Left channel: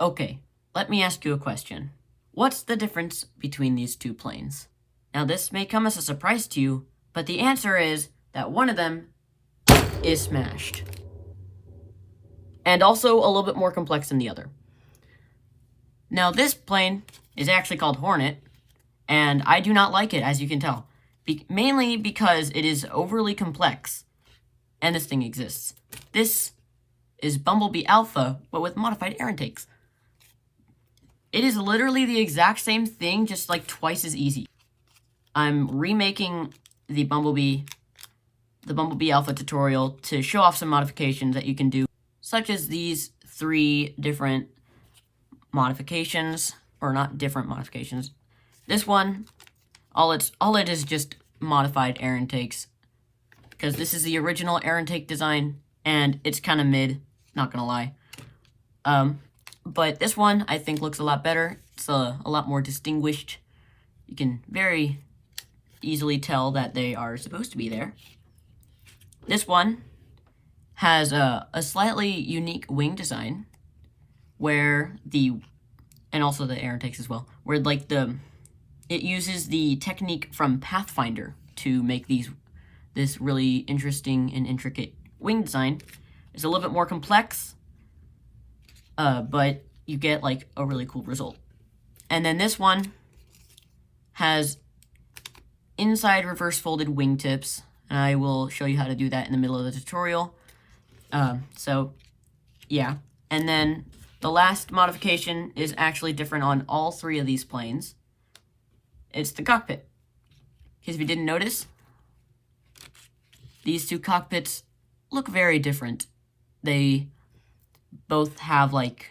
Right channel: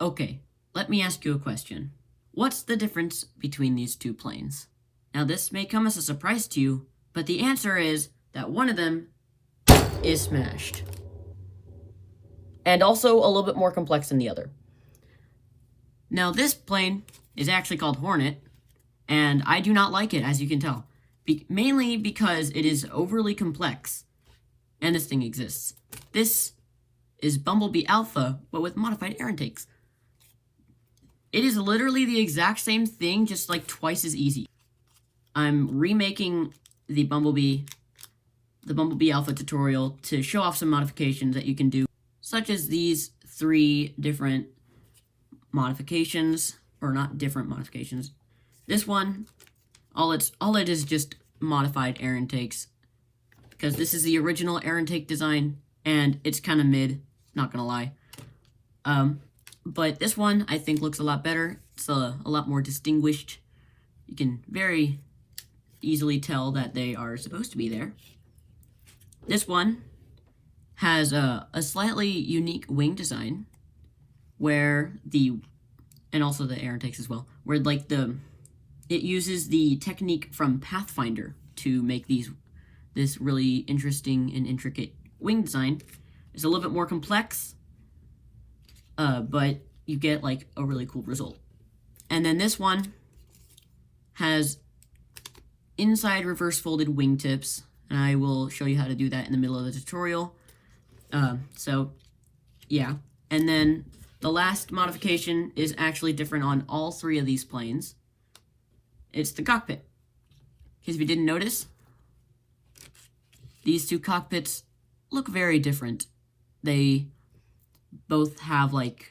Okay, let me ask you a question. What's the difference between these two planes? Now this may come as a surprise to you, but the answer is that one of them is smashed. And also a little bit more complex than the other. Now this plane is actually called Hornet, and I do not like it, as you can tell. Mainly because it is overly complex, and this thing exists. This is Bumblebee Alpha, but with modified air intakes. It is literally the exact same thing, just like twice as easy. I'm remaking the Bumblebee Alpha tutorial to show off some modifications that you can do, such as these 3 different modifications, or not different modifications. This one, all it is just modified air intakes, because this is the original air intake design, and it's kind of mid, not gonna lie. But this one, I think, looks a lot better. It's a lot more distinguished. You can very easily tell that they are supposed to be there. This one has a slightly unique wing design, where and also the air intakes as well, where like it uses the technique from Pathfinder to make this really interesting and intricate wing design. It's a little bit more complex, but you get like a really cool result. And then this one has inside reverse folded wingtips, and I will show you how to do that in the middle of the tutorial. So yeah, and then the last modification is actually different on all 3 of these planes. It's the cockpit. Because if you didn't notice, these 2 cockpits look very different. They both have like,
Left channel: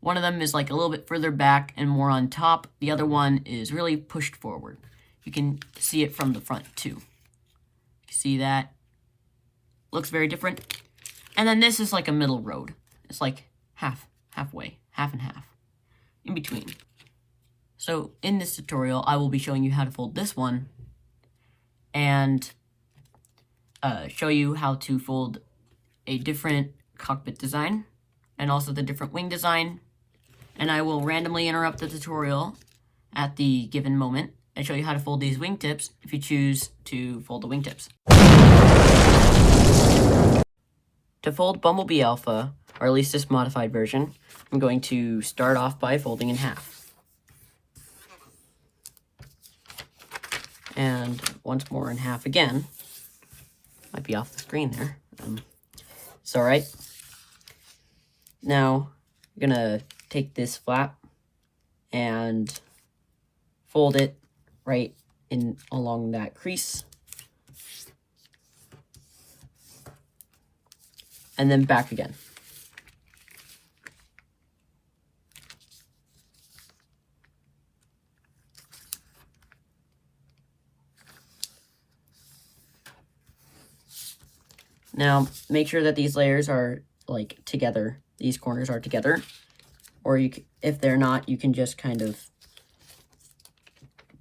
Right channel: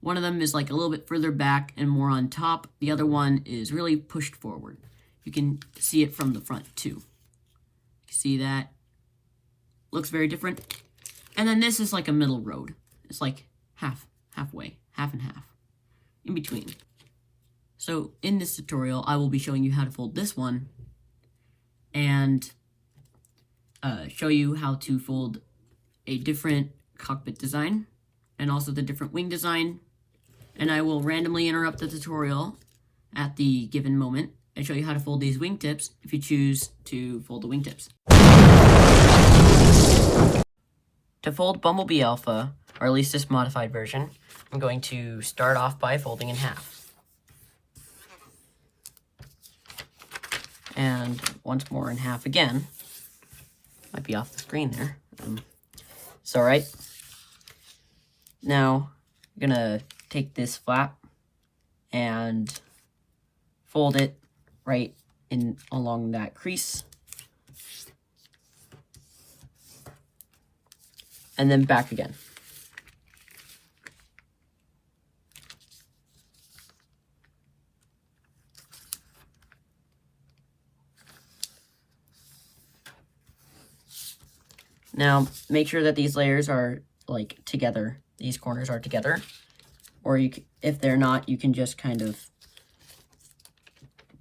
one of them is like a little bit further back and more on top. The other one is really pushed forward. You can see it from the front too. You can see that. Looks very different. And then this is like a middle road. It's like halfway, half and half, in between. So in this tutorial, I will be showing you how to fold this one, and show you how to fold a different cockpit design, and also the different wing design. And I will randomly interrupt the tutorial at the given moment and show you how to fold these wingtips if you choose to fold the wingtips. To fold Bumblebee Alpha, or at least this modified version, I'm going to start off by folding in half. And once more in half again. Might be off the screen there. It's alright. Now, I'm gonna take this flap and fold it right in along that crease. And then back again. Now, make sure that these layers are like together. These corners are together. Or if they're not, you can just kind of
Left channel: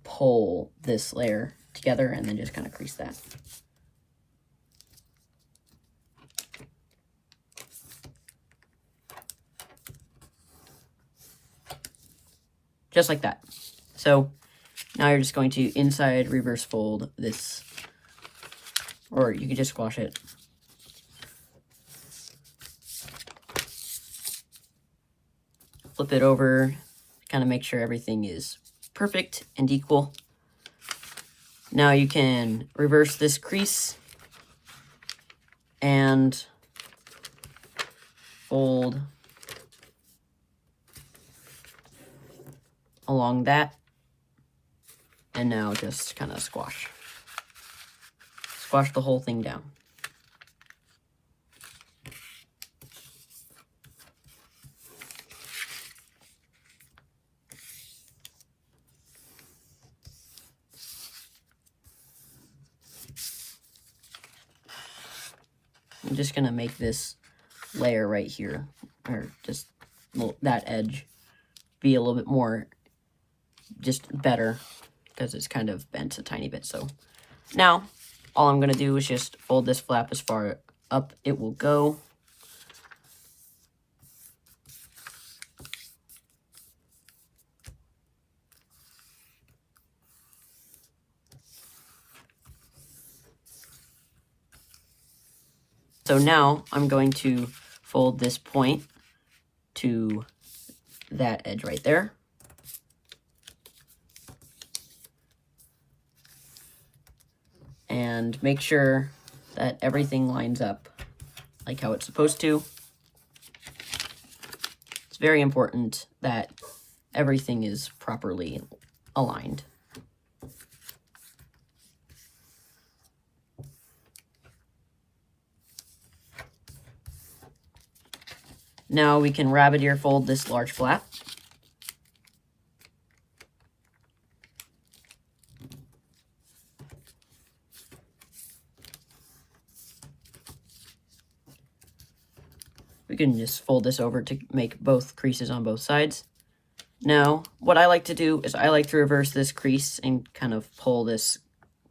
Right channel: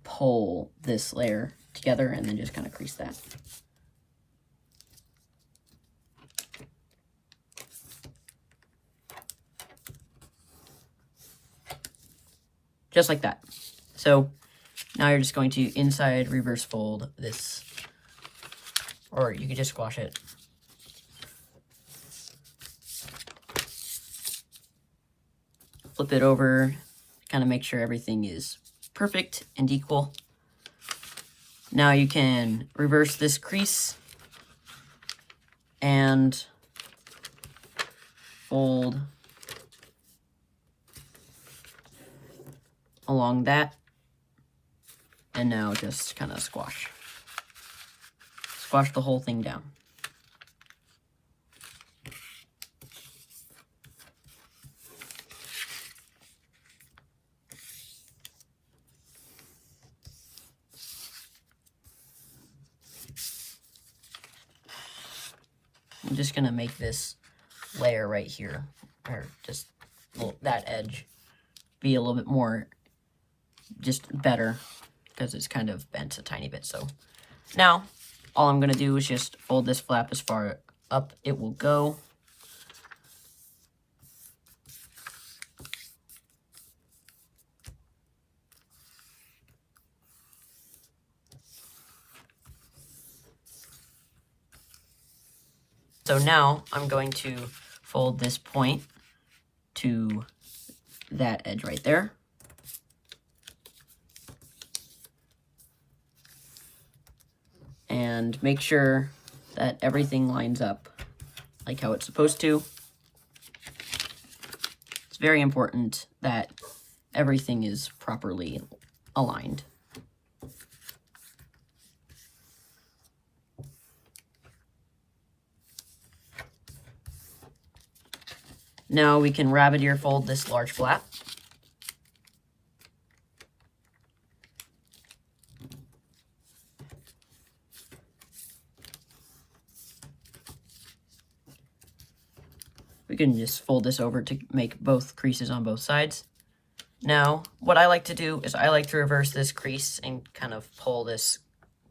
pull this layer together and then just kind of crease that. Just like that. So now you're just going to inside reverse fold this, or you can just squash it. Flip it over, kind of make sure everything is perfect and equal. Now you can reverse this crease and fold along that, and now just kind of squash the whole thing down. I'm just gonna make this layer right here, or just that edge, be a little bit more, just better, because it's kind of bent a tiny bit. So now all I'm gonna do is just fold this flap as far up it will go. So now I'm going to fold this point to that edge right there. And make sure that everything lines up like how it's supposed to. It's very important that everything is properly aligned. Now we can rabbit ear fold this large flap. We can just fold this over to make both creases on both sides. Now, what I like to do is I like to reverse this crease and kind of pull this,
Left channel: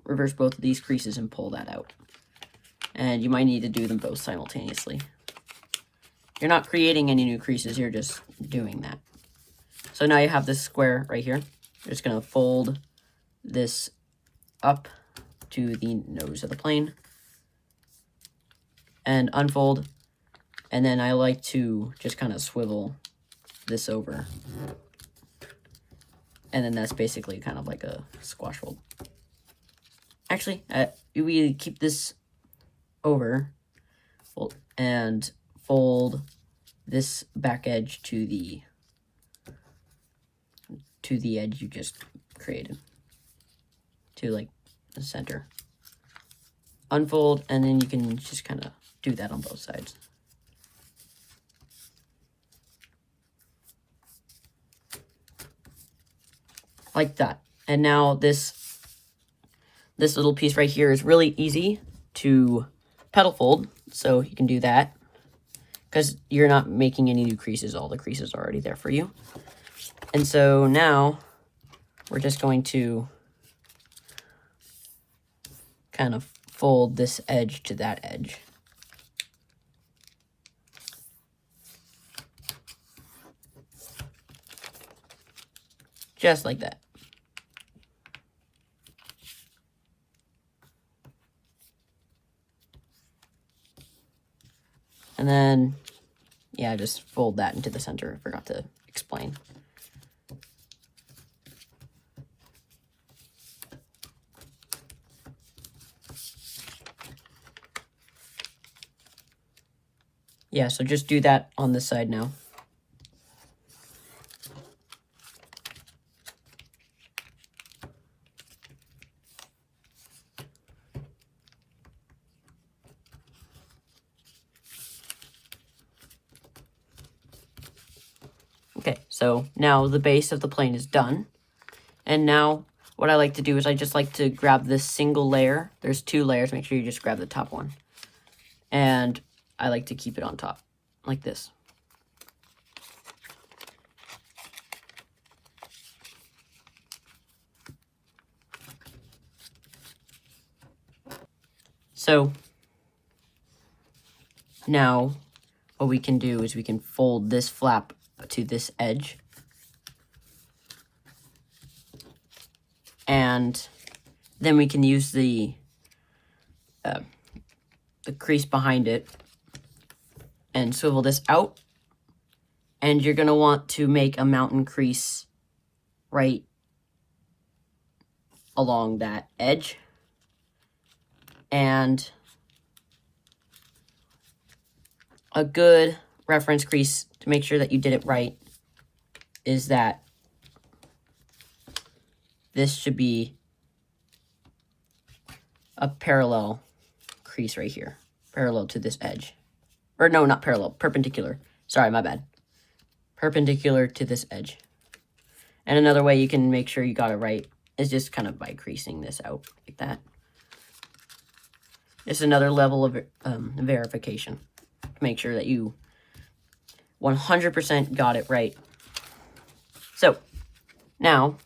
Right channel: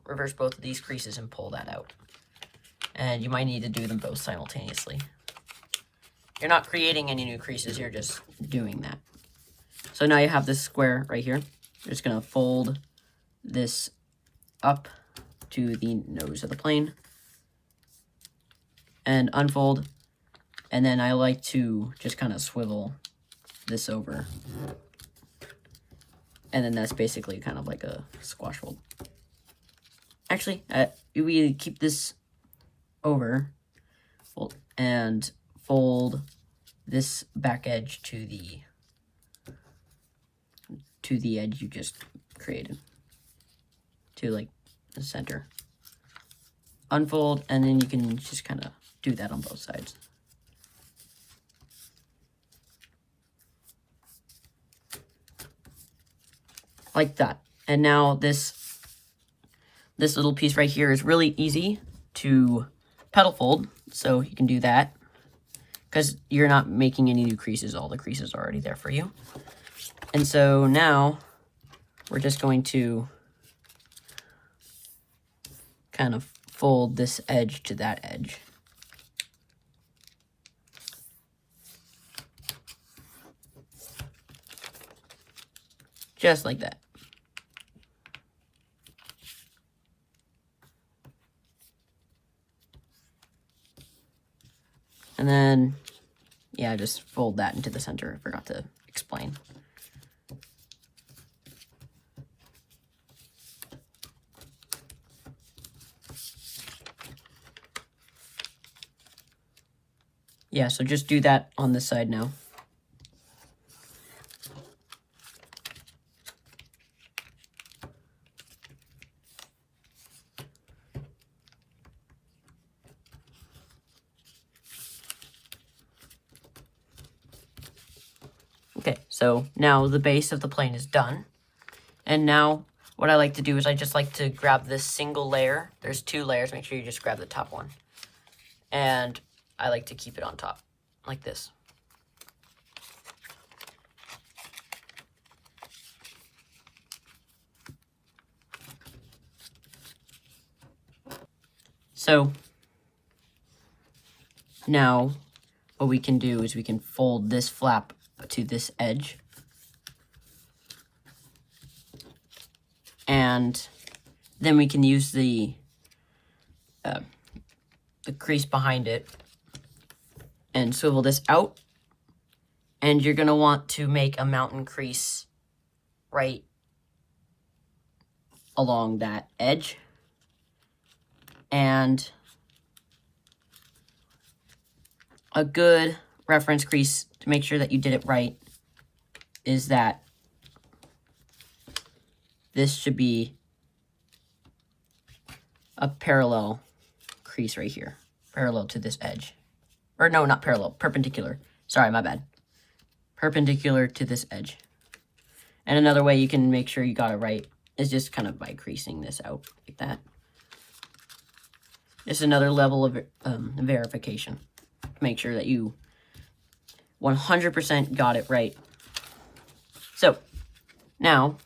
reverse both of these creases and pull that out. And you might need to do them both simultaneously. You're not creating any new creases, you're just doing that. So now you have this square right here. You're just gonna fold this up to the nose of the plane and unfold. And then I like to just kind of swivel this over. And then that's basically kind of like a squash fold. Actually, we keep this over and fold this back edge to the edge you just created, to like the center. Unfold, and then you can just kind of do that on both sides. Like that. And now this little piece right here is really easy to petal fold, so you can do that because you're not making any new creases. All the creases are already there for you. And so now we're just going to kind of fold this edge to that edge. Just like that. And then, yeah, just fold that into the center. I forgot to explain. Yeah, so just do that on this side now. Okay, so now the base of the plane is done. And now what I like to do is I just like to grab this single layer. There's two layers, make sure you just grab the top one. And I like to keep it on top, like this. So now what we can do is we can fold this flap to this edge. And then we can use the crease behind it and swivel this out. And you're going to want to make a mountain crease right along that edge. And a good reference crease to make sure that you did it right is that this should be a parallel crease right here, parallel to this edge. Or no, not parallel, perpendicular. Sorry, my bad. Perpendicular to this edge. And another way you can make sure you got it right is just kind of by creasing this out like that. It's another level of verification. Make sure that you 100% got it right. So now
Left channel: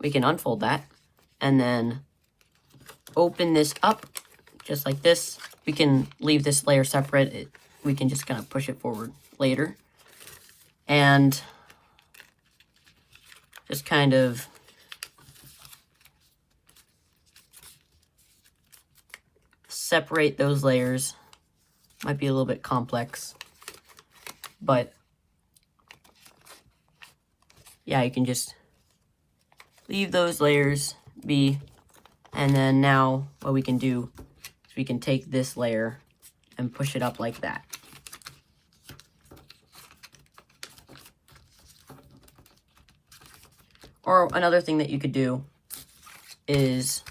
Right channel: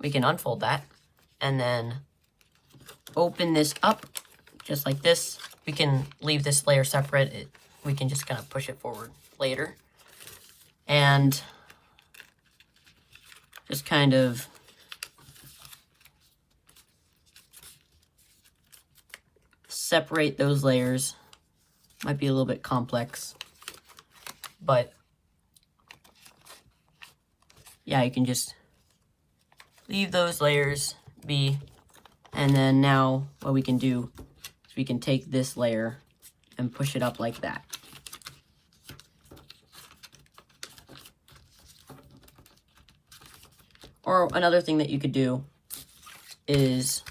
we can unfold that and then open this up just like this. We can leave this layer separate. We can just kind of push it forward later. And just kind of separate those layers Might be a little bit complex, but yeah, you can just leave those layers be. And then now what we can do is we can take this layer and push it up like that. Or another thing that you could do is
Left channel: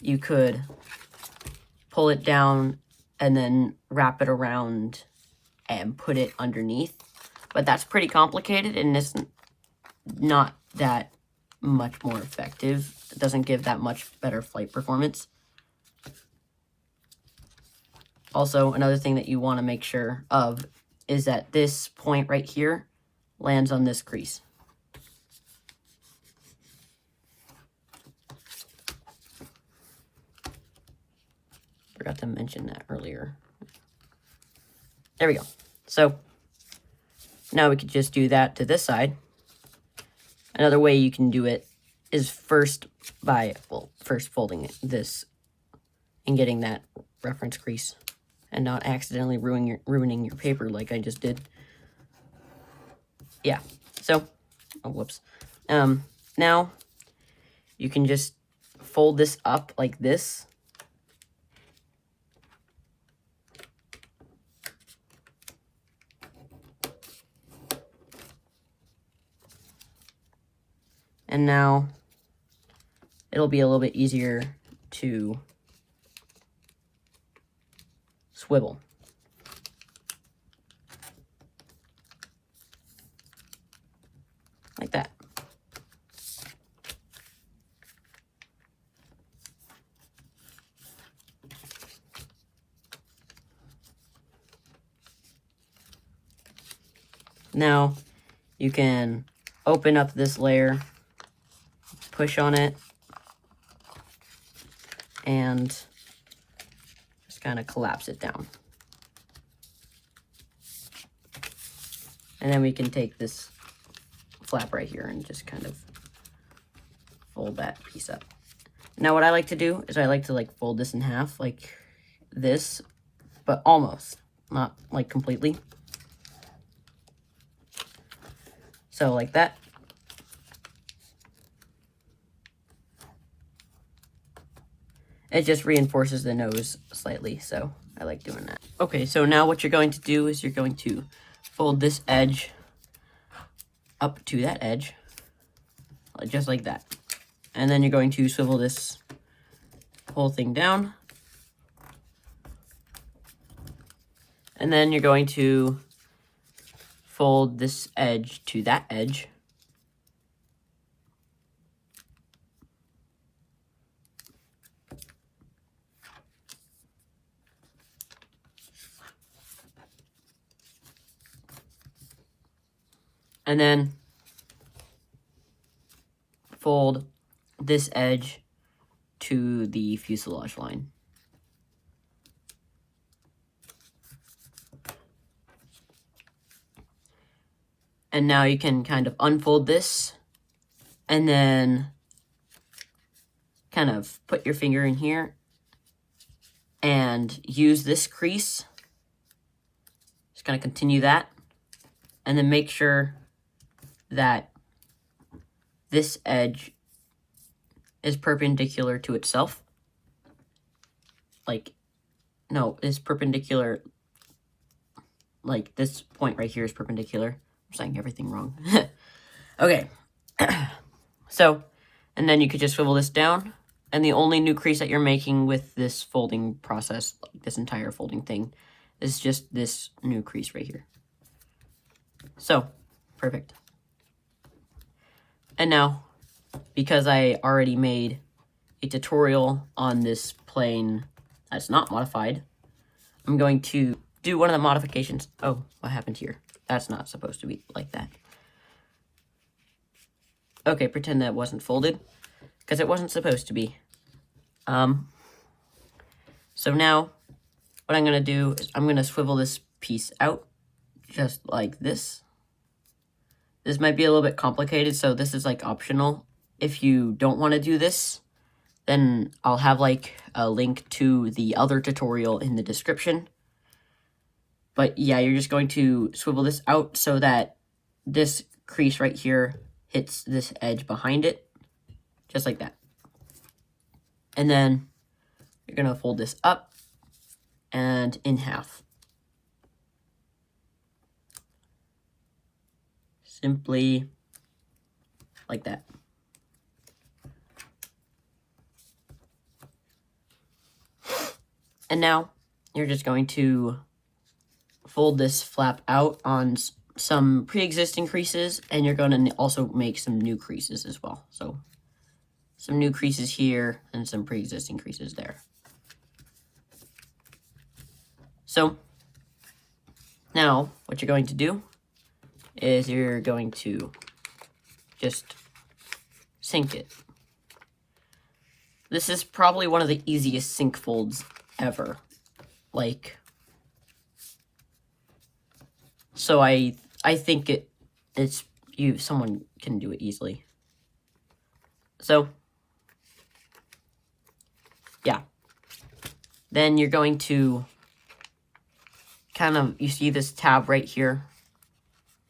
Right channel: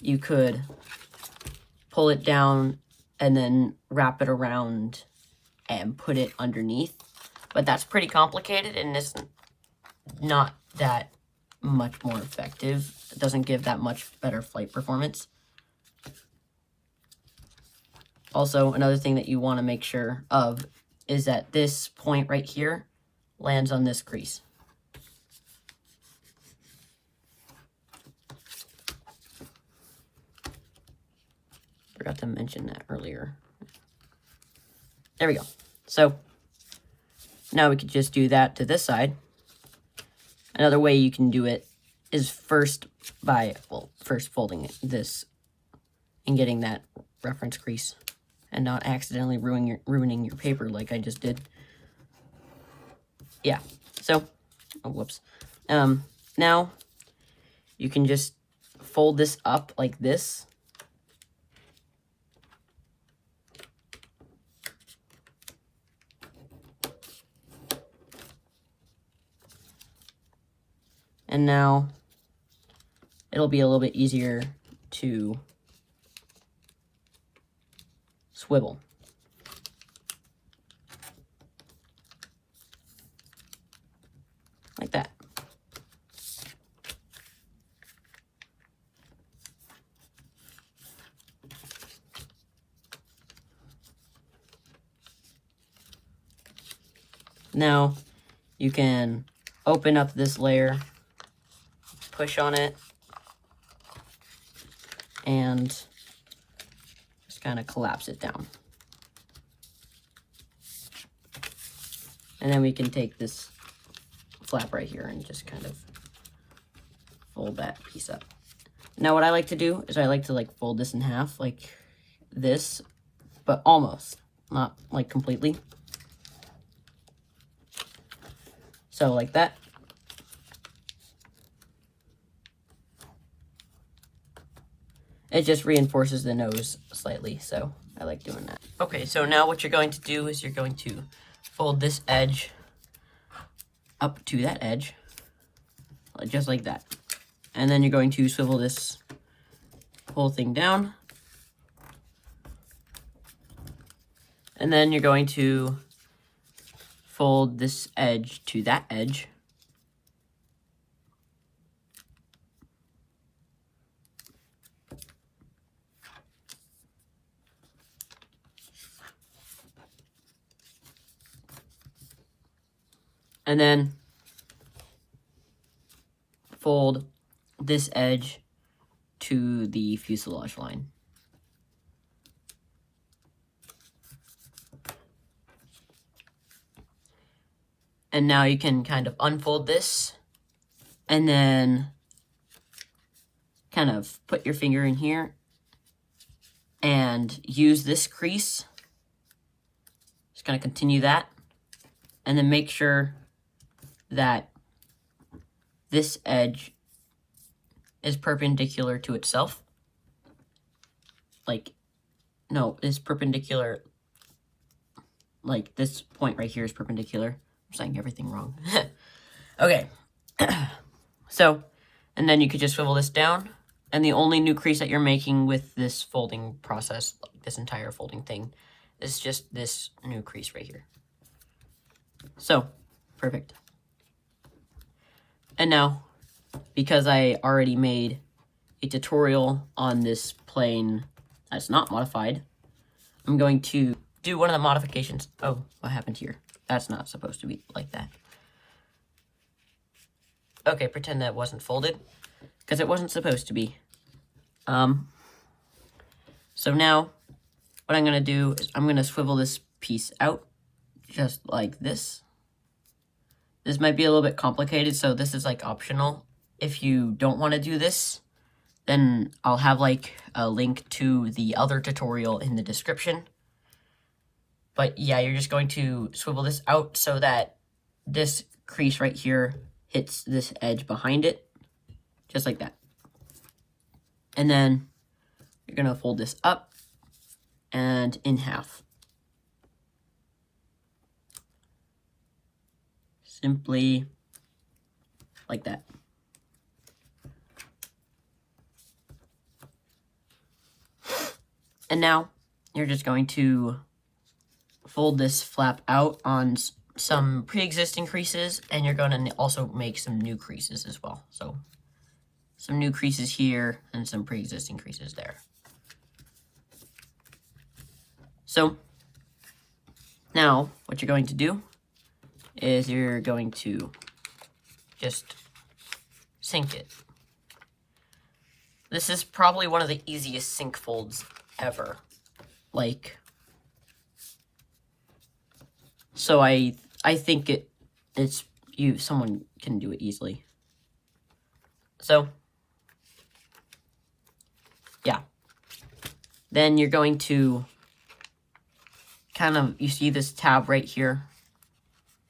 you could pull it down and then wrap it around and put it underneath. But that's pretty complicated and it's not that much more effective. It doesn't give that much better flight performance. Also, another thing that you want to make sure of is that this point right here lands on this crease. Forgot to mention that earlier. There we go. So now we could just do that to this side. Another way you can do it is first folding this and getting that reference crease and not accidentally ruining your paper like I just did. Yeah, so, oh, whoops. Now you can just fold this up like this. And now it'll be a little bit easier to swivel. Like that. Now you can open up this layer, push on it, and just kind of collapse it down. And then we can take this flap right here and just kind of fold that piece up. Now what I like to do is I like to fold this in half like this, but almost, not like completely. So like that. It just reinforces the nose slightly, so I like doing that. Okay, so now what you're going to do is you're going to fold this edge up to that edge, just like that. And then you're going to swivel this whole thing down. And then you're going to fold this edge to that edge. And then fold this edge to the fuselage line. And now you can kind of unfold this and then kind of put your finger in here and use this crease. Just going to continue that. And then make sure that this edge is perpendicular to itself. It's perpendicular. Like this point right here is perpendicular. I'm saying everything wrong. Okay. So, and then you could just swivel this down. And the only new crease that you're making with this folding process, this entire folding thing, is just this new crease right here. So, perfect. And now, because I already made a tutorial on this plane that's not modified, I'm going to do one of the modifications. Oh, what happened here? That's not supposed to be like that. Okay, pretend that wasn't folded, because it wasn't supposed to be. So now, what I'm going to do is I'm going to swivel this piece out, just like this. This might be a little bit complicated, so this is optional. If you don't want to do this, then I'll have a link to the other tutorial in the description. But yeah, you're just going to swivel this out so that this crease right here hits this edge behind it, just like that. And then you're going to fold this up and in half. Simply like that. And now you're just going to fold this flap out on some pre-existing creases, and you're going to also make some new creases as well. So some new creases here and some pre-existing creases there. So now what you're going to do is you're going to just sink it. This is probably one of the easiest sink folds ever. Like, so I think someone can do it easily. So yeah. Then you're going to you see this tab right here.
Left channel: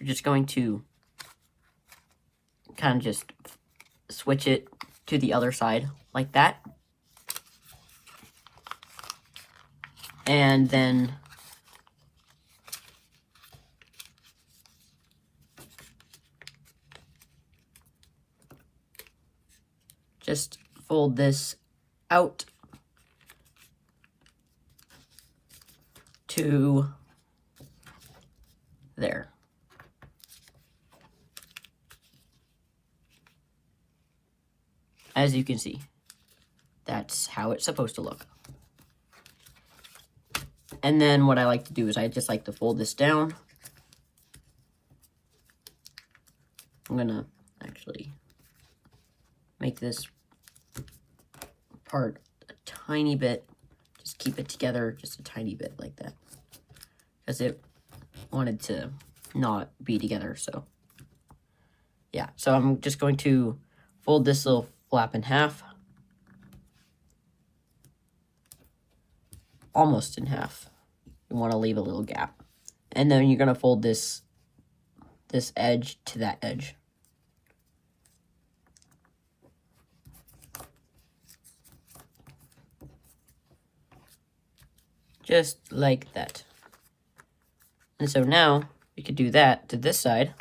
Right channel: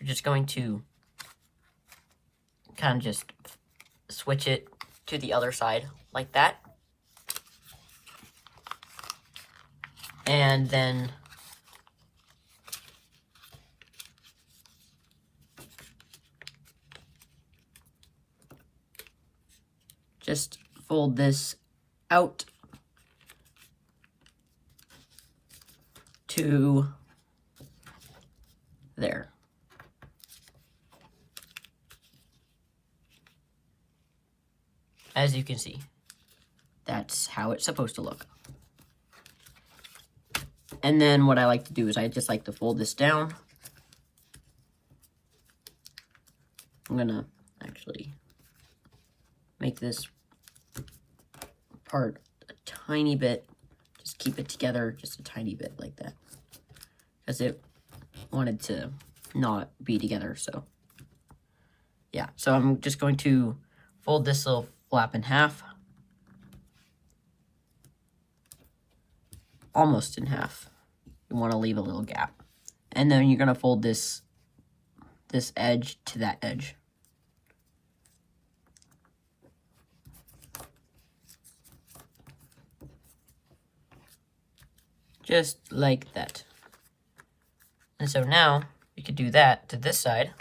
You're just going to kind of just switch it to the other side like that. And then just fold this out to there. As you can see, that's how it's supposed to look. And then what I like to do is I just like to fold this down. I'm gonna actually make this part a tiny bit, just keep it together just a tiny bit like that, because it wanted to not be together. So yeah, so I'm just going to fold this little flap in half, almost in half. You want to leave a little gap, and then you're going to fold this edge to that edge. Just like that. And so now we could do that to this side.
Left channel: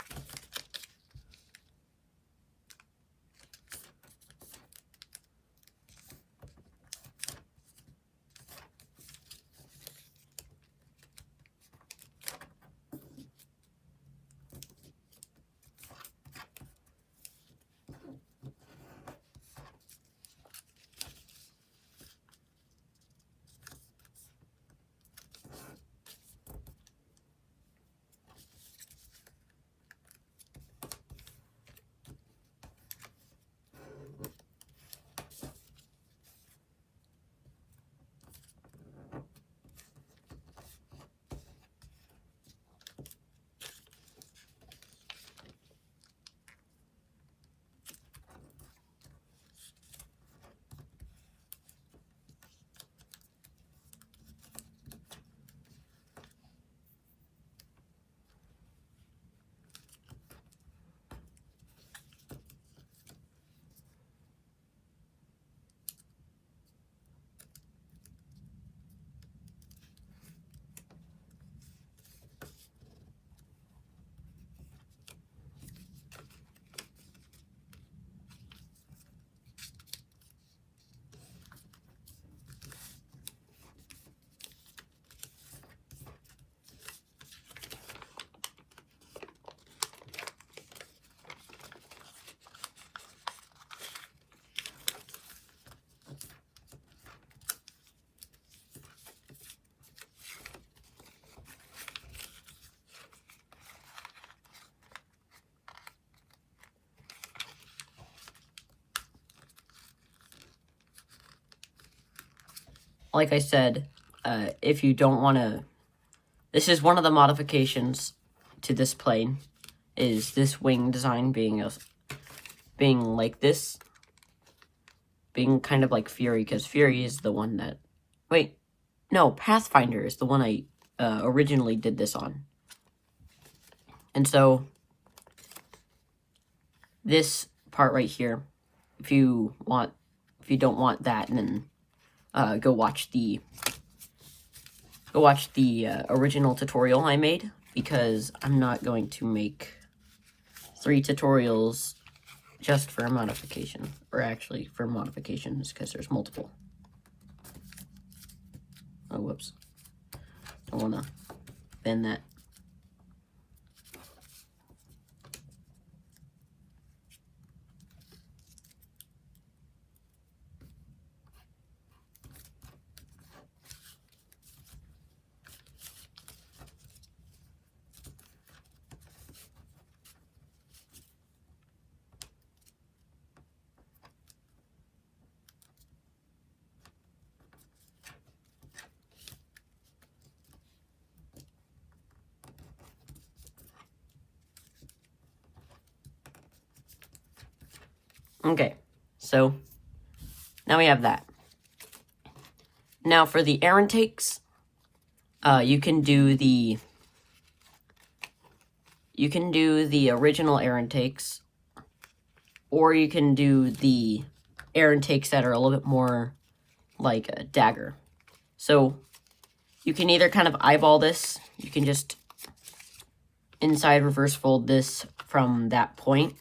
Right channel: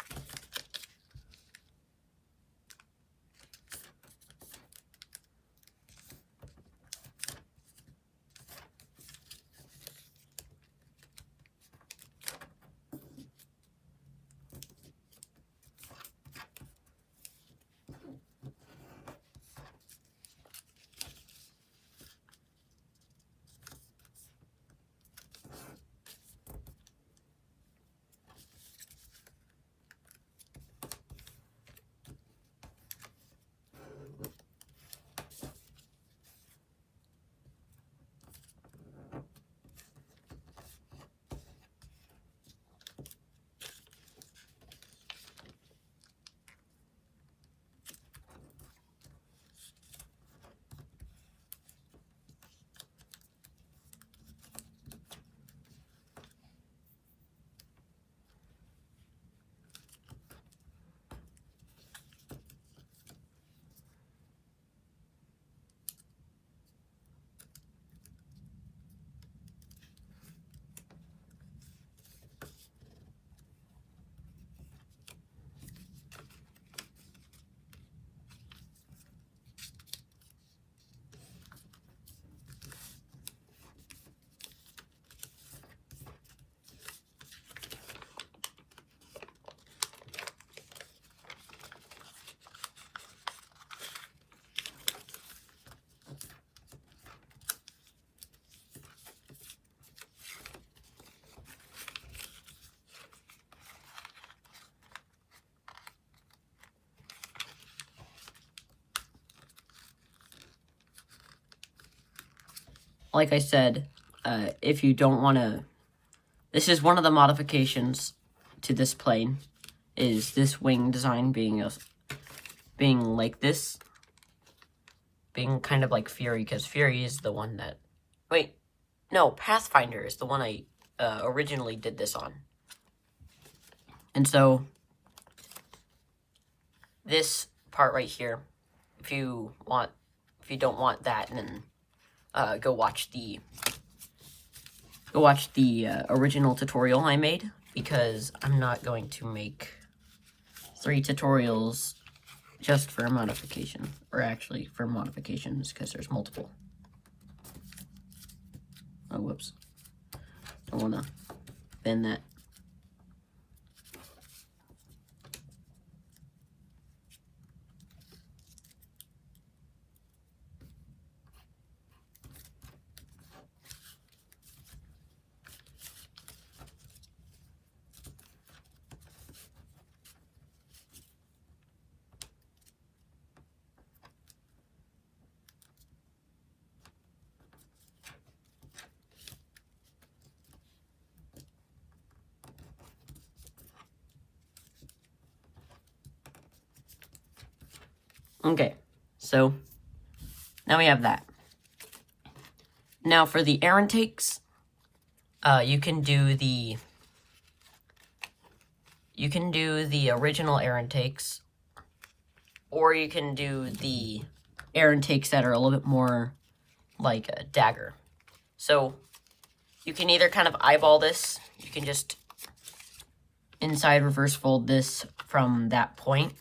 Like I said, if you don't want to, this is one of the modifications to this plane, is this wing design being like this, being kind of like Fury, because Fury is the one that, wait, no, Pathfinder is the one I originally did this on. And so this part right here, if you don't want that, then go watch the original tutorial I made, because I'm not going to make 3 tutorials just for a modification, or actually for modifications, because there's multiple. Oh, whoops. Don't want to bend that. Okay, so now we have that. Now for the air intakes, you can do the original air intakes, or you can do the air intakes that are a little bit more like a dagger. So you can either kind of eyeball this, you can just inside reverse fold this from that point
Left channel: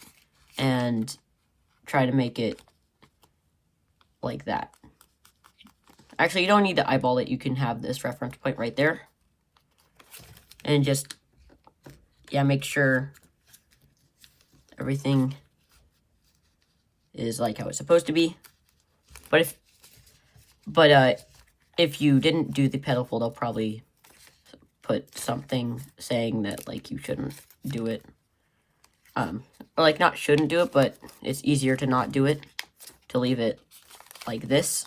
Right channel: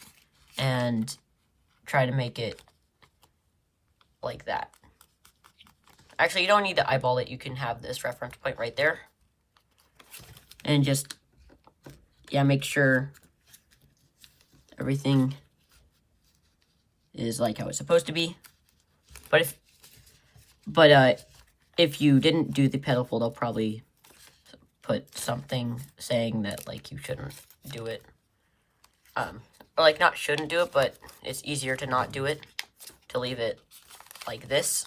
and try to make it like that. Actually, you don't need to eyeball it. You can have this reference point right there. And just, yeah, make sure everything is like how it's supposed to be. But if you didn't do the pedal fold, I'll probably put something saying that, like, you shouldn't do it. Or, like, not shouldn't do it, but it's easier to not do it, to leave it like this.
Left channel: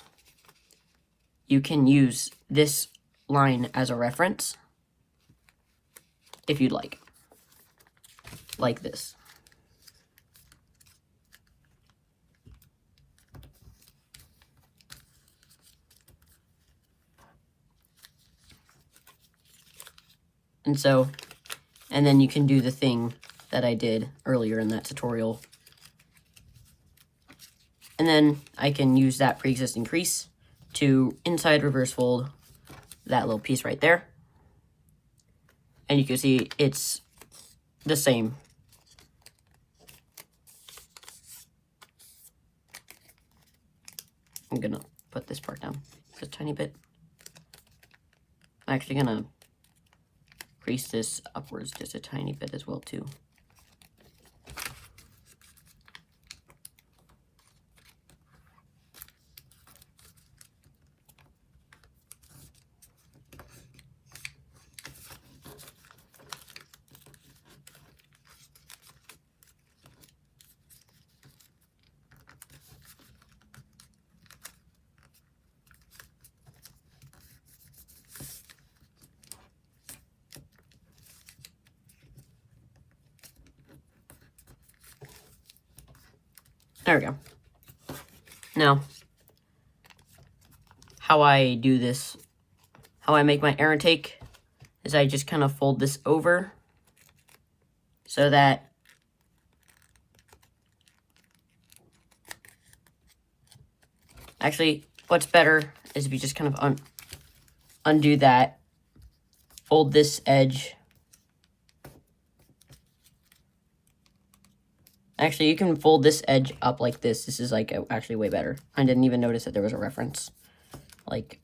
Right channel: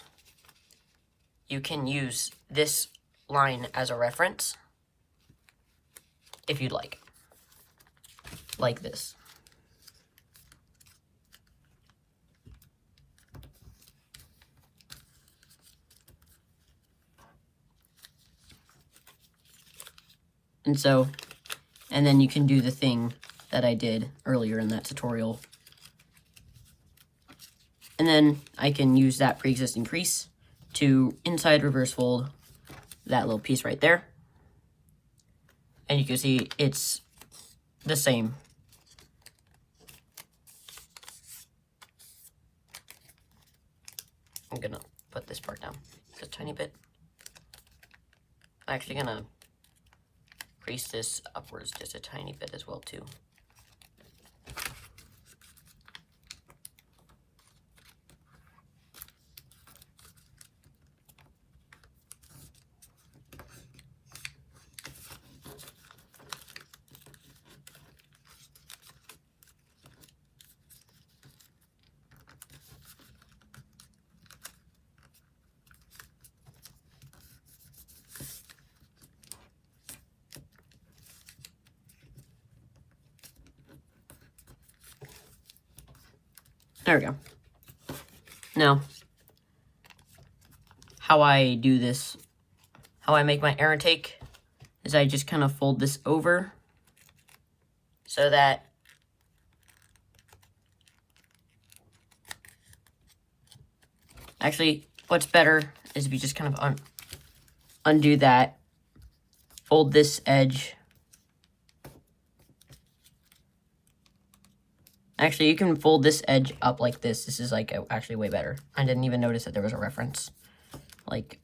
You can use this line as a reference, if you'd like this. And then you can do the thing that I did earlier in that tutorial. And then I can use that pre-existing crease to inside reverse fold that little piece right there. And you can see it's the same. I'm gonna put this part down just a tiny bit. I'm actually gonna crease this upwards just a tiny bit as well too. There we go. Now, how I do this, how I make my air intake, is I just kind of fold this over so that actually what's better is if you just kind of undo that, fold this edge. Actually, you can fold this edge up like this. This is like actually way better. I didn't even notice that there was a reference. Like,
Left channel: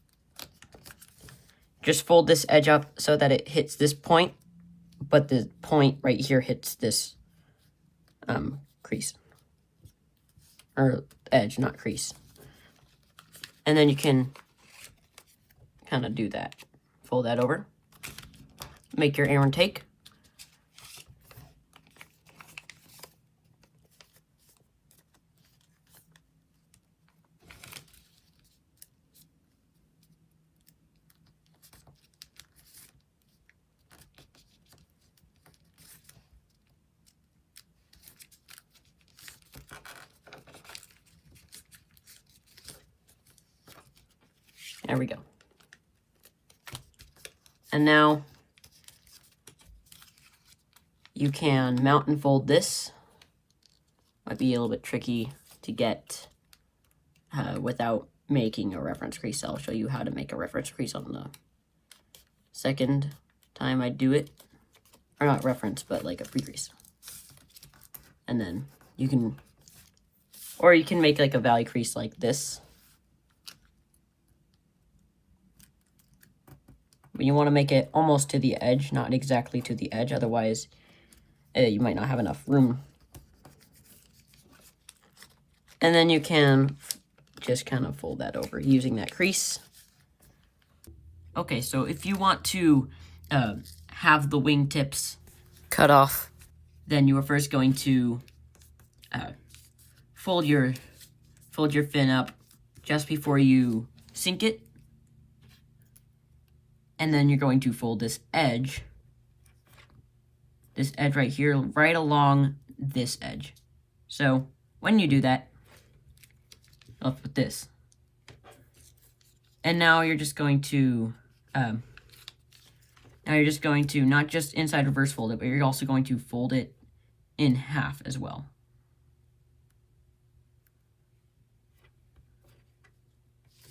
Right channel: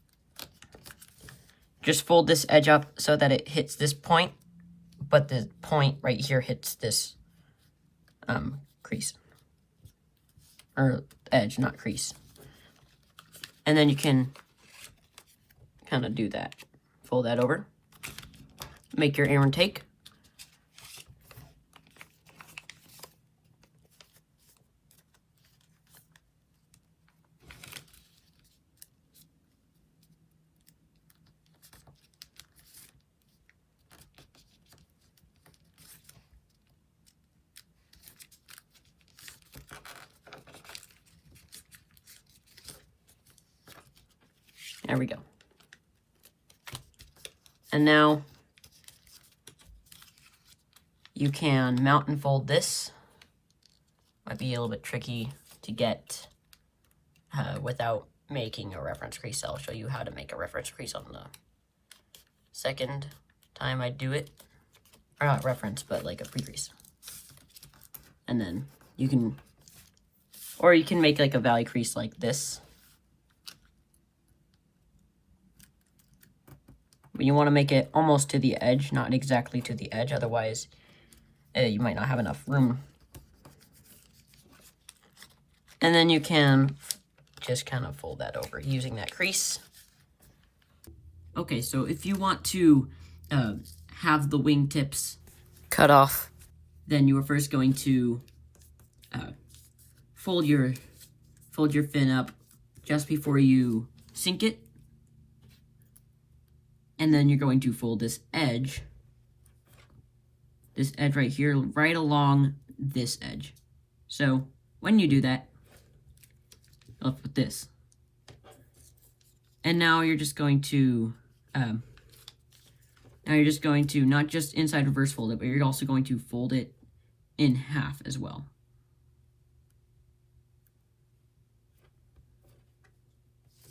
just fold this edge up so that it hits this point, but the point right here hits this crease. Or edge, not crease. And then you can kind of do that. Fold that over. Make your air intake. There we go. And now you can mount and fold this. Might be a little bit tricky to get without making a reference crease. I'll show you how to make a reference crease on the second time I do it. Or not reference, but like a pre-crease. And then you can, or you can make like a valley crease like this. But you want to make it almost to the edge, not exactly to the edge, otherwise you might not have enough room. And then you can just kind of fold that over using that crease. Okay, so if you want to have the wingtips cut off, then you are first going to fold your fin up just before you sink it. And then you're going to fold this edge right here, right along this edge. So when you do that, left with this. And now you're just going to, not just inside reverse fold it, but you're also going to fold it in half as well.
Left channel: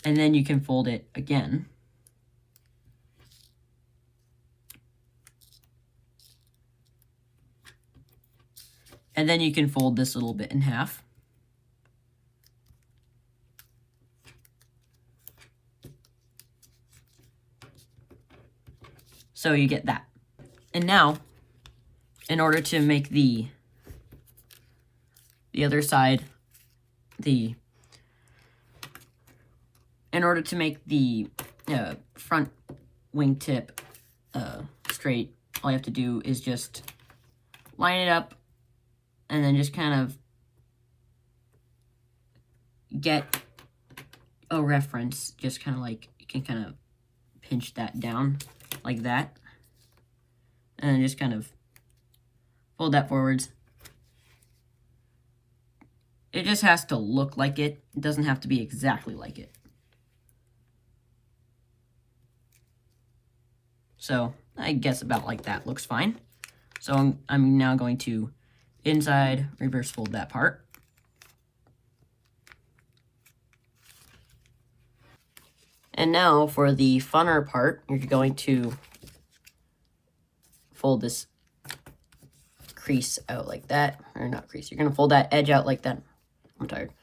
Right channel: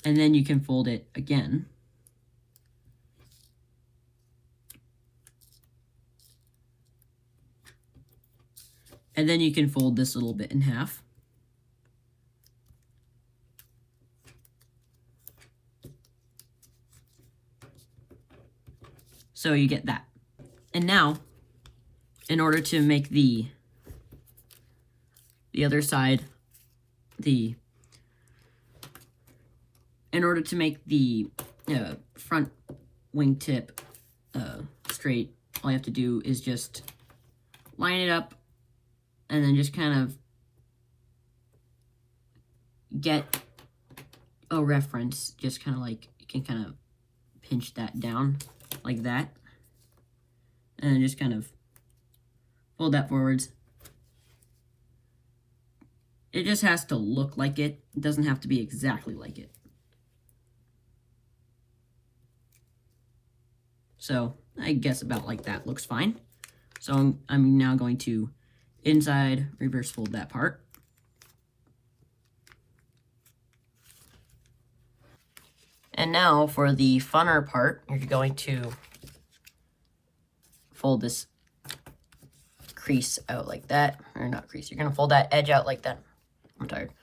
And then you can fold it again. And then you can fold this little bit in half. So you get that. And now, in order to make the other side, in order to make the front wingtip straight, all you have to do is just line it up and then just kind of get a reference, just kind of like, you can kind of pinch that down like that, and then just kind of fold that forwards. It just has to look like it. It doesn't have to be exactly like it. So I guess about like that looks fine. So I'm now going to inside reverse fold that part. And now for the funner part, you're going to fold this crease out like that, or not crease, you're gonna fold that edge out like that. I'm tired.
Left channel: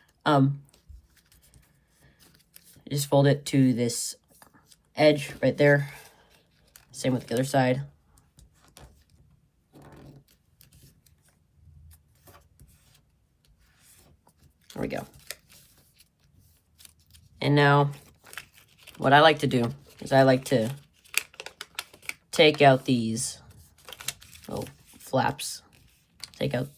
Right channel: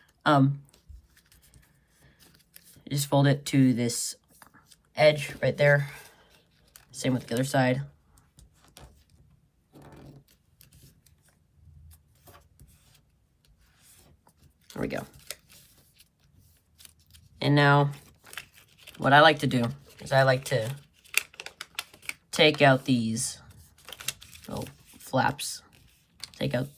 Just fold it to this edge right there. Same with the other side. There we go. And now, what I like to do is I like to take out these little flaps. Take out.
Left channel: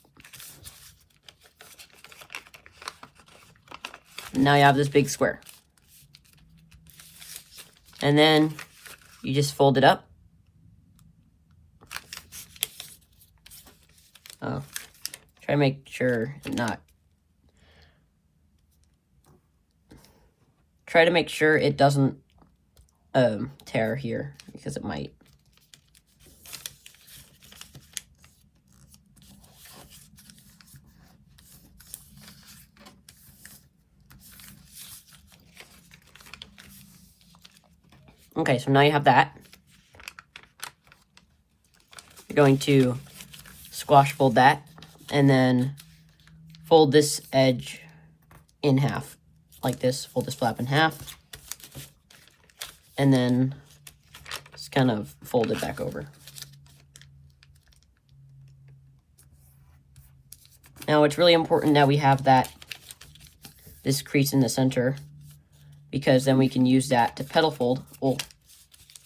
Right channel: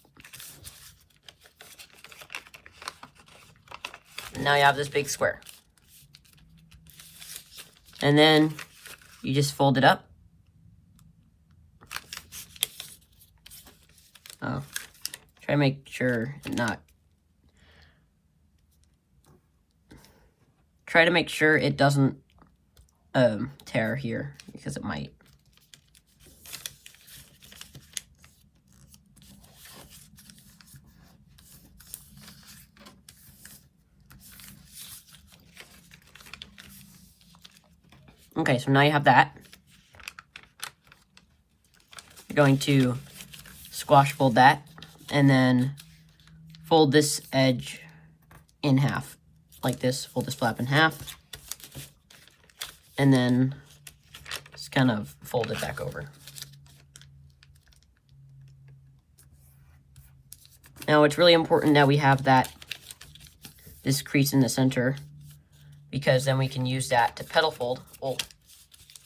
And now you have this big square. And then you just fold it up. Oh, try to make sure it not. Try to make sure it doesn't tear here, because it might. Okay, so now you have that. You're going to squash fold that, and then fold this edge in half, like this. Fold this flap in half, and then just kind of fold it back over. Now it's really important that we have this crease in the center, because then we can use that to pedal fold. Oh,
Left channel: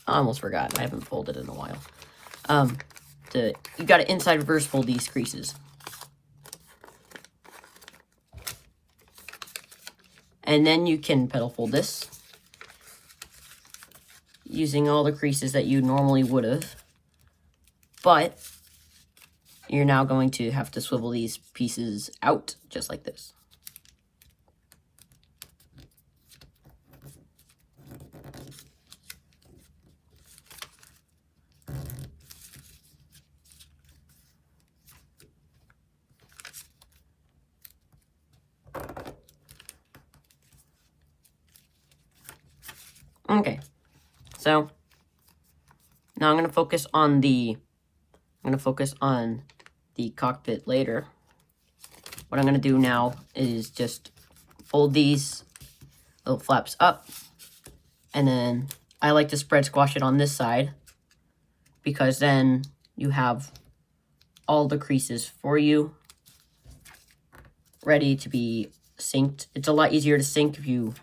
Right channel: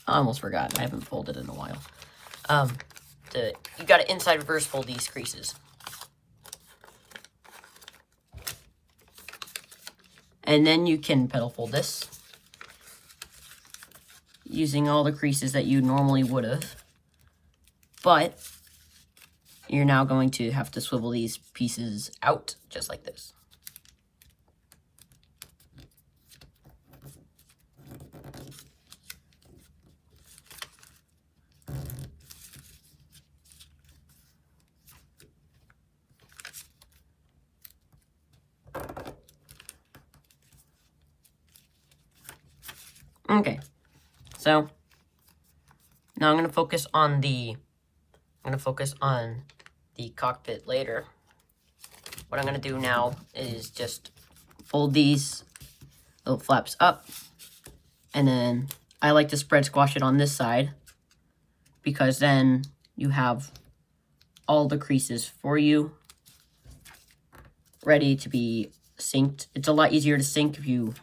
I almost forgot. I haven't folded in a while. You got to inside reverse fold these creases. And then you can pedal fold this using all the creases that you normally would have. But you're now going to have to swivel these pieces out just like this. Okay, so now I'm gonna focus on the cockpit later. What I'm gonna do now is just fold these little flaps up, and then I like to spread squash it on this side because then you have all the creases for you ready to be synced. It's a lot easier to sync if you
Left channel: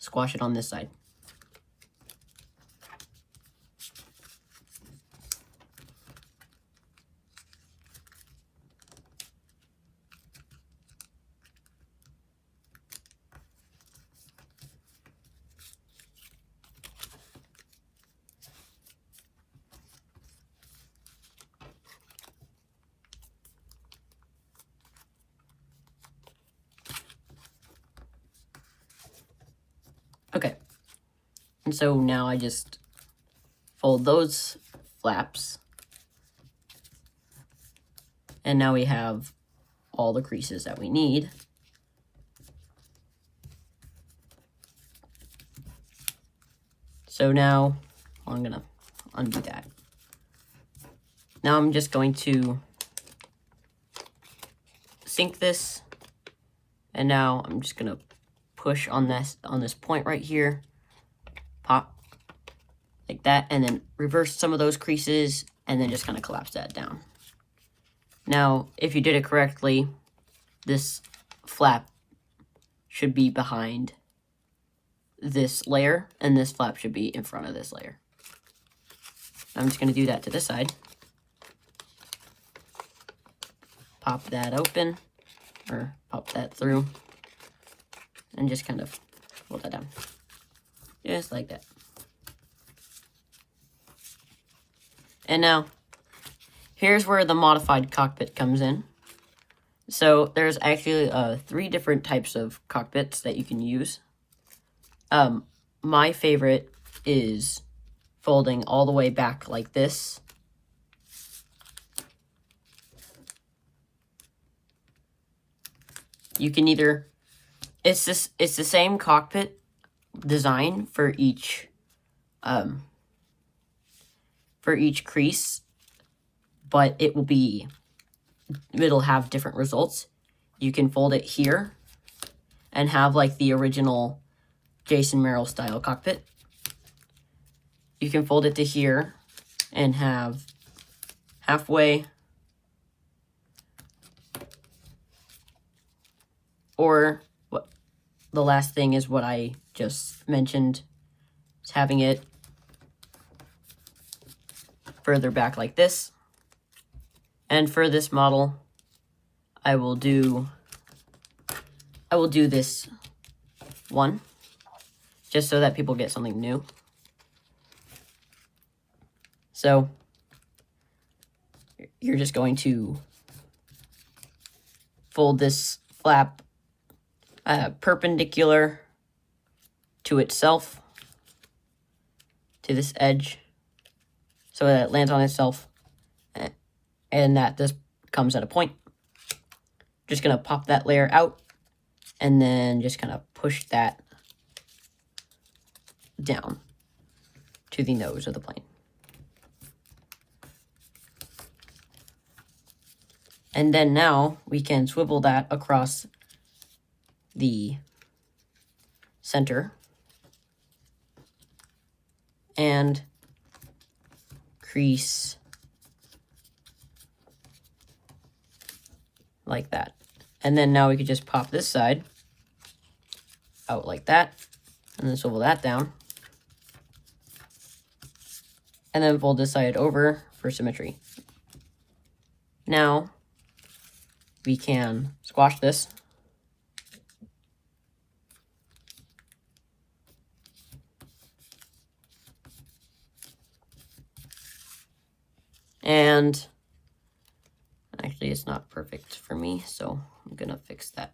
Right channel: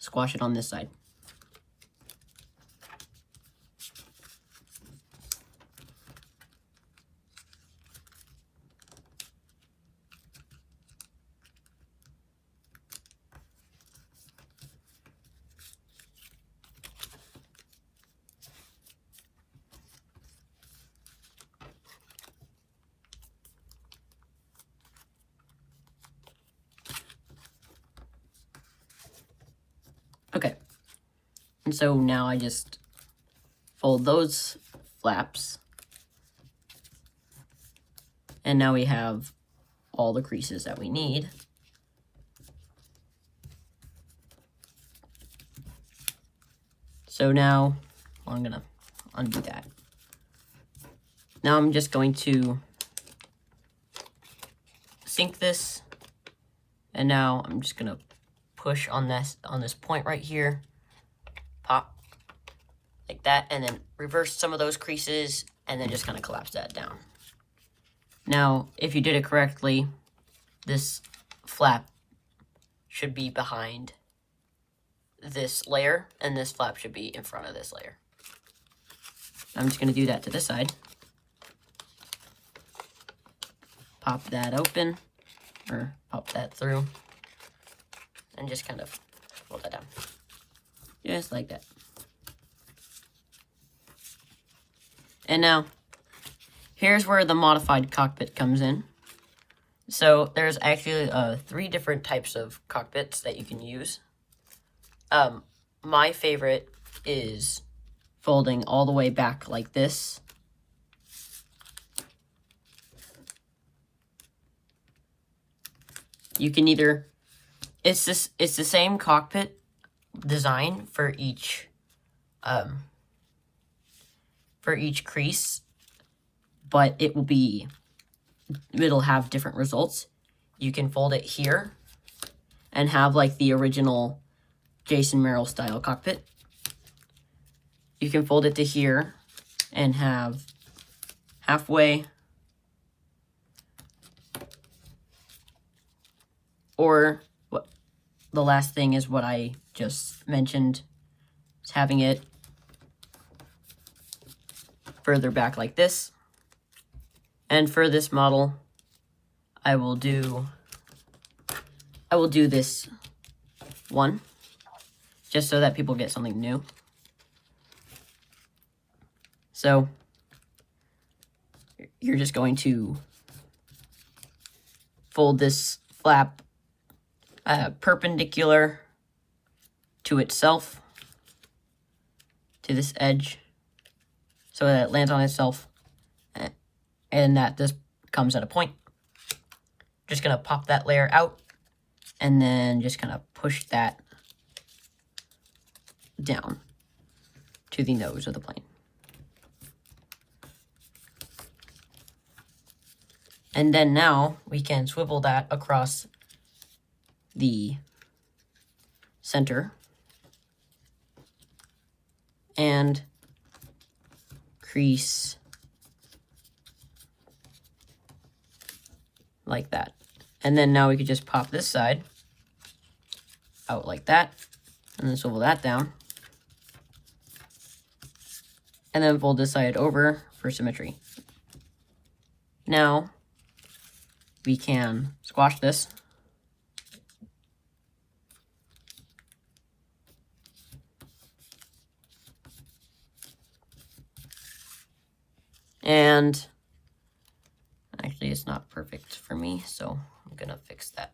squash it on this side. Okay, and so now I just fold those flaps, and now we have all the creases that we need. So now I'm gonna undo that. Now I'm just going to sync this, and now I'm just gonna push on this point right here, pop like that, and then reverse some of those creases, and then just kind of collapse that down. Now, if you did it correctly, this flap should be behind this layer, and this flap should be in front of this layer. I'm just going to do that to this side. Pop that open, or pop that through, and just kind of hold that down. Just like that. And now, here's where the modified cockpit comes in. So there's actually 3 different types of cockpits that you can use. My favorite is folding all the way back like this. You can either, it's the same cockpit design for each crease, but it'll have different results. You can fold it here and have like the original Jason Merrill style cockpit. You can fold it to here and have halfway, or what the last thing is what I just mentioned, is having it further back like this. And for this model, I will do this one, just so that people get something new. So you're just going to fold this flap perpendicular to itself, to this edge, so that it lands on itself, and that this comes at a point. Just gonna pop that layer out, and then just kind of push that down to the nose of the plane. And then now we can swivel that across the center and crease like that. And then now we could just pop this side out like that, and then swivel that down, and then fold this side over for symmetry. Now we can squash this, and actually it's not perfect for me, so I'm gonna fix that.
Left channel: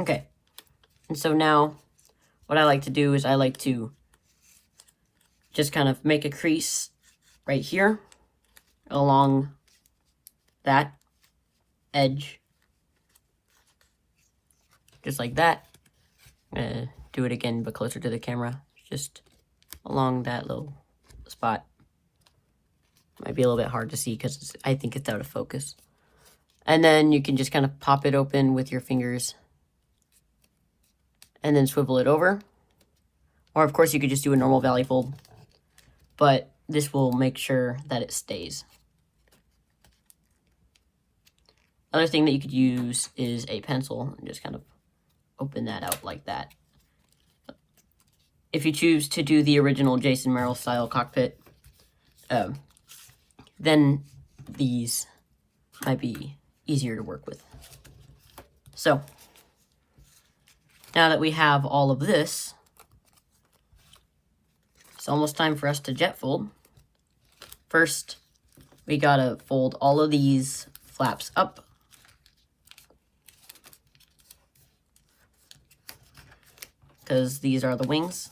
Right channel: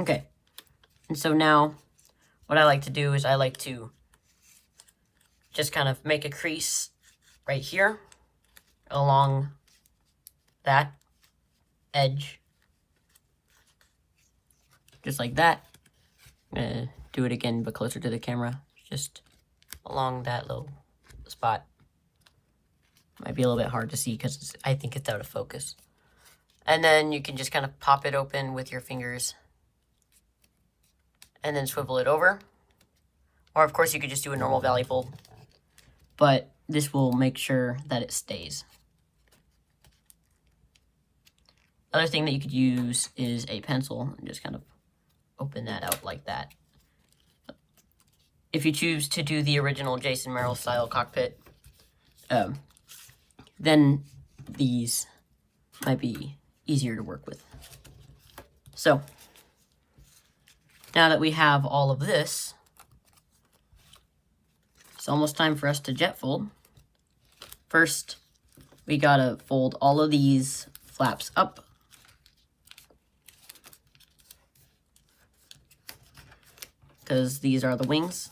Okay, and so now what I like to do is I like to just kind of make a crease right here along that edge, just like that. I'm gonna do it again, but closer to the camera, just along that little spot. Might be a little bit hard to see because I think it's out of focus. And then you can just kind of pop it open with your fingers and then swivel it over. Or of course you could just do a normal valley fold, but this will make sure that it stays. Another thing that you could use is a pencil and just kind of open that out like that. If you choose to do the original Jason Merrill style cockpit, then these might be easier to work with. So, now that we have all of this, it's almost time for us to jet fold. First, we gotta fold all of these flaps up. Because these are the wings.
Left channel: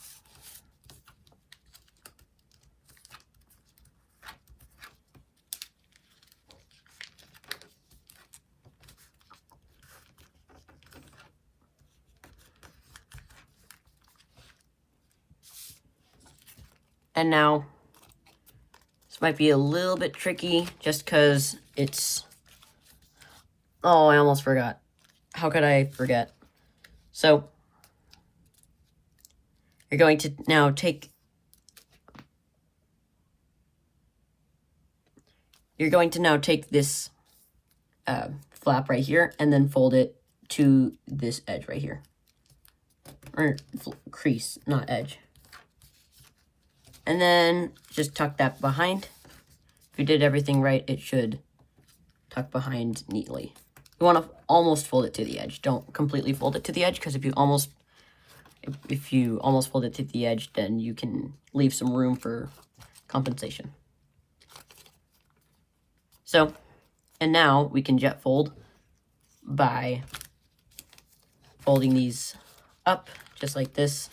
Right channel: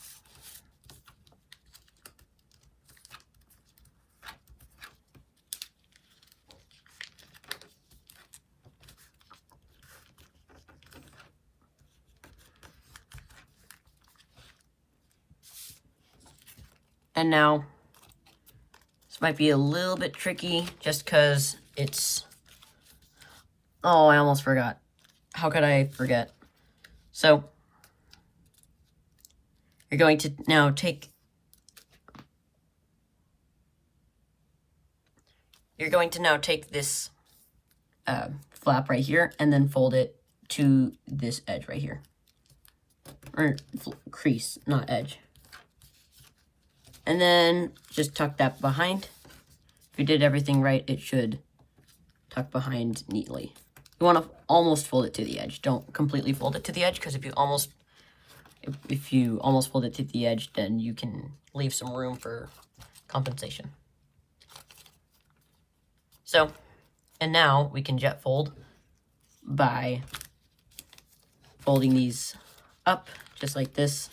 And now, this might be a little bit tricky just because it's... Oh, I almost forgot. How could I forget? So, you're going to now take... You're going to now take this flap right here and then fold it to this edge right here. Or crease, not edge. And then just tuck that behind. If you did everything right, it should tuck behind neatly. You want to almost fold it to the edge. Don't completely fold it to the edge, because if you almost fold it to the edge, then you can leave some room for compensation. So, and now we can jet fold by folding these up just like this.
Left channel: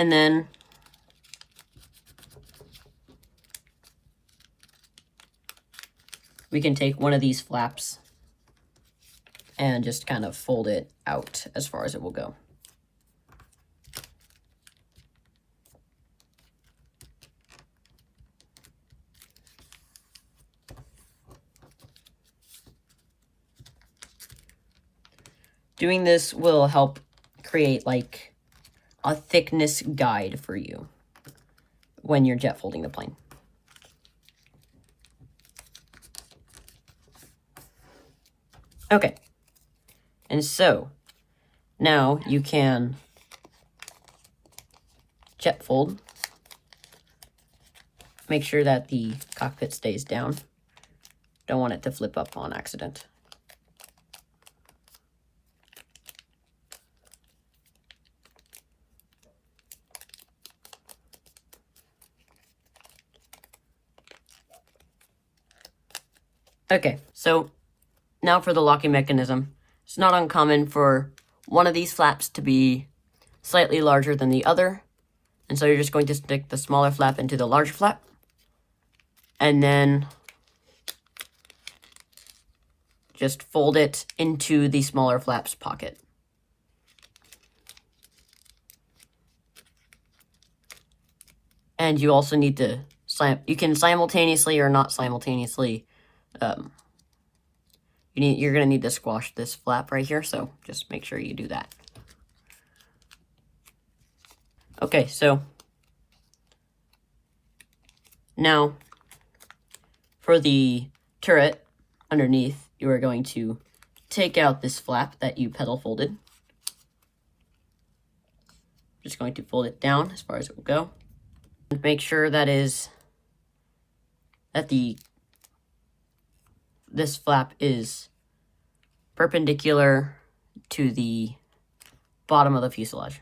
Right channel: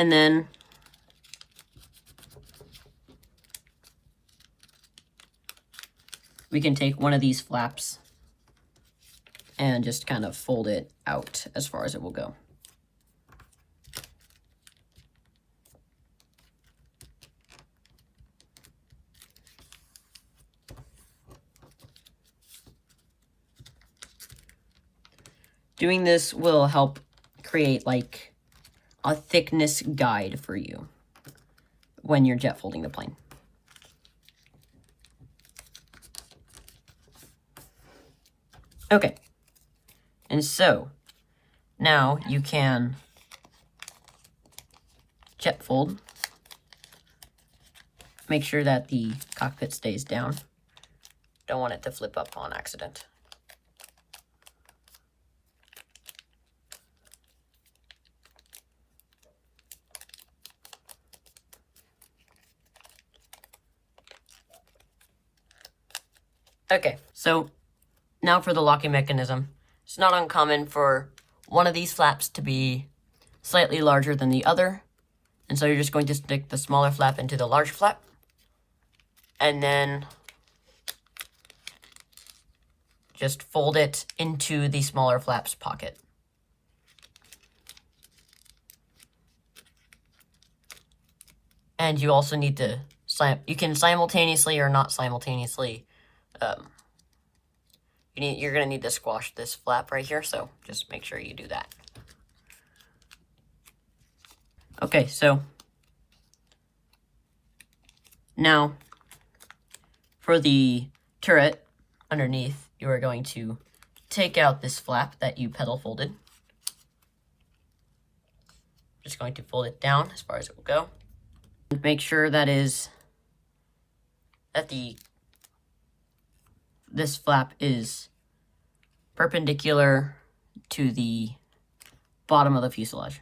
And then we can take one of these flaps and just kind of fold it out as far as it will go. Doing this will help create like a thickness guide for you when you're jet folding the plane. Okay, and so now you can jet fold. Make sure that the cockpit stays down. Don't want it to flip up on accident. Okay, so now for the locking mechanism. It's not uncommon for one of these flaps to be slightly larger than the other. And so you're just going to stick the smaller flap into the larger flap. And then just fold it into the smaller flap's pocket. And you also need to, you can simultaneously or not simultaneously, you're going to need to squash this flap right here, so just make sure you do that. Okay, so now for the turret underneath, you are going to take out this flap that you pedal folded. Just going to fold it down as far as it will go. And make sure that this flap is perpendicular to the bottom of the fuselage.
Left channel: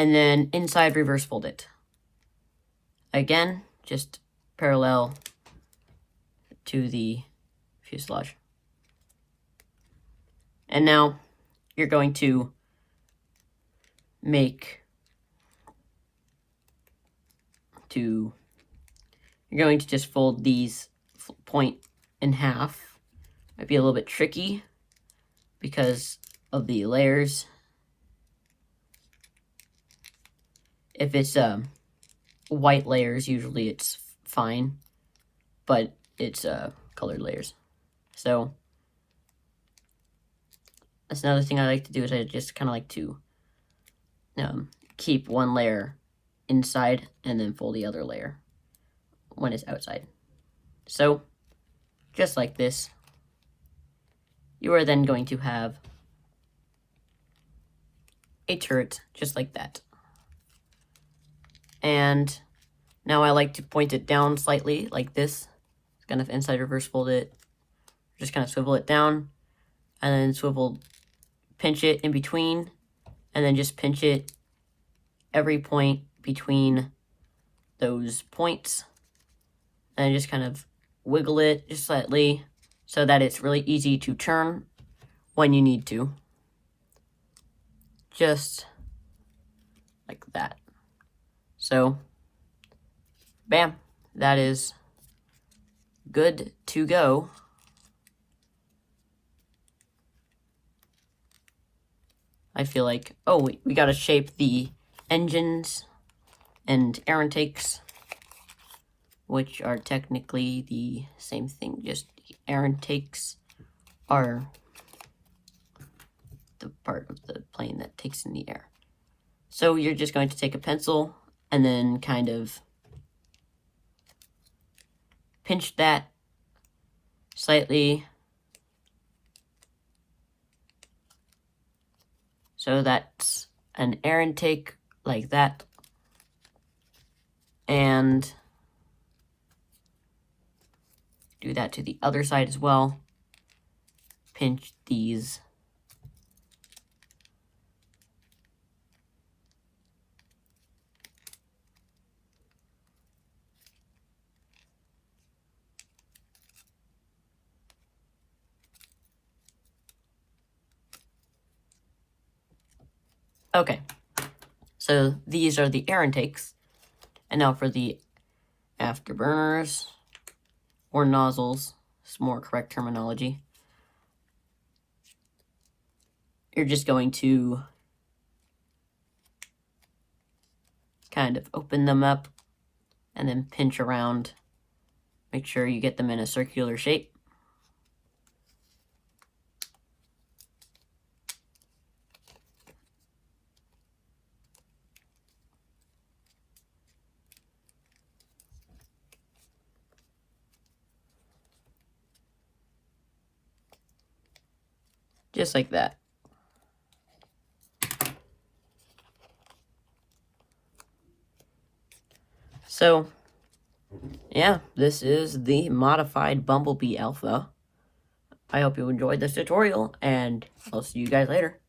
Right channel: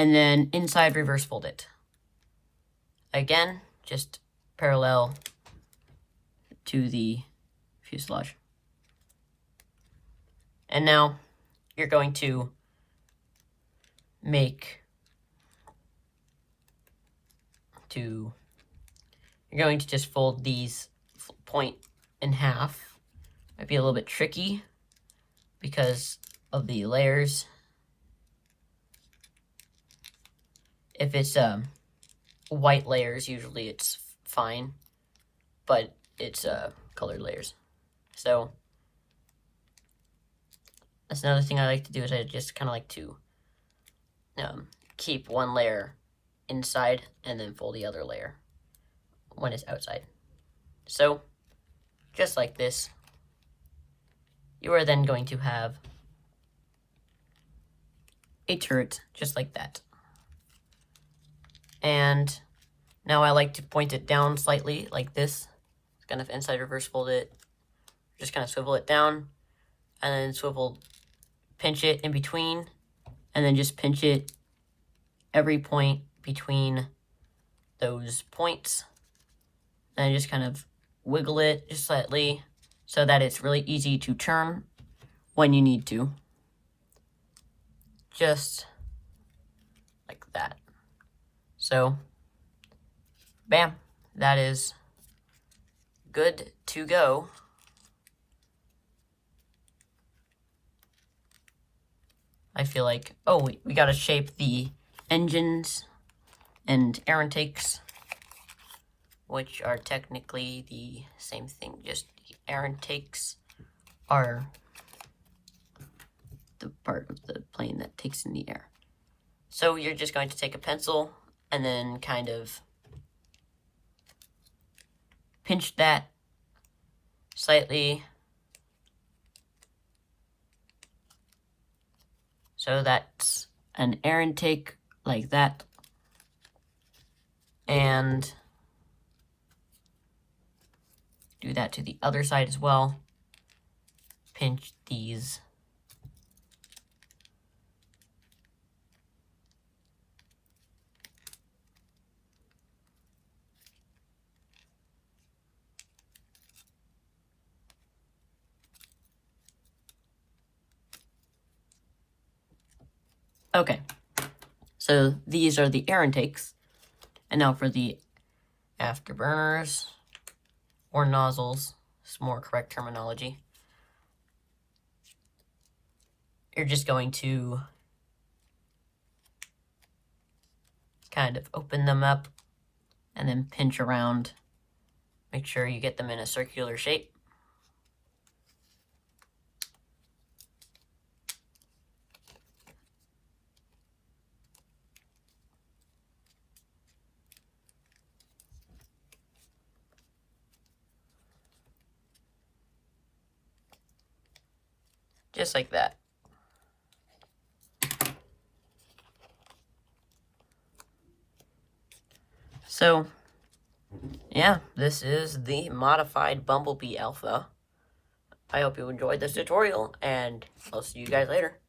and then inside reverse fold it. Again, just parallel to the fuselage. And now you're going to just fold these point in half. Might be a little bit tricky because of the layers. If it's white layers, usually it's fine, but it's colored layers. So that's another thing I like to do, is I just kind of like to keep one layer inside and then fold the other layer when it's outside. So just like this, you are then going to have a turret just like that. And now I like to point it down slightly like this, kind of inside reverse fold it, just kind of swivel it down, and then pinch it in between, and then just pinch it every point between those points, and just kind of wiggle it just slightly so that it's really easy to turn when you need to. Just like that. So, bam, that is good to go. I feel like, oh, we gotta shape the engines and air intakes, which are technically the same thing, just the air intakes are the part of the plane that takes in the air. So you're just going to take a pencil and then kind of pinch that slightly so that's an air intake like that. And do that to the other side as well. Pinch these. Okay, so these are the air intakes. And now for the afterburners, or nozzles, it's more correct terminology. You're just going to kind of open them up and then pinch around. Make sure you get them in a circular shape. Just like that. So, yeah, this is the modified Bumblebee Alpha. I hope you enjoyed this tutorial, and I'll see you guys later.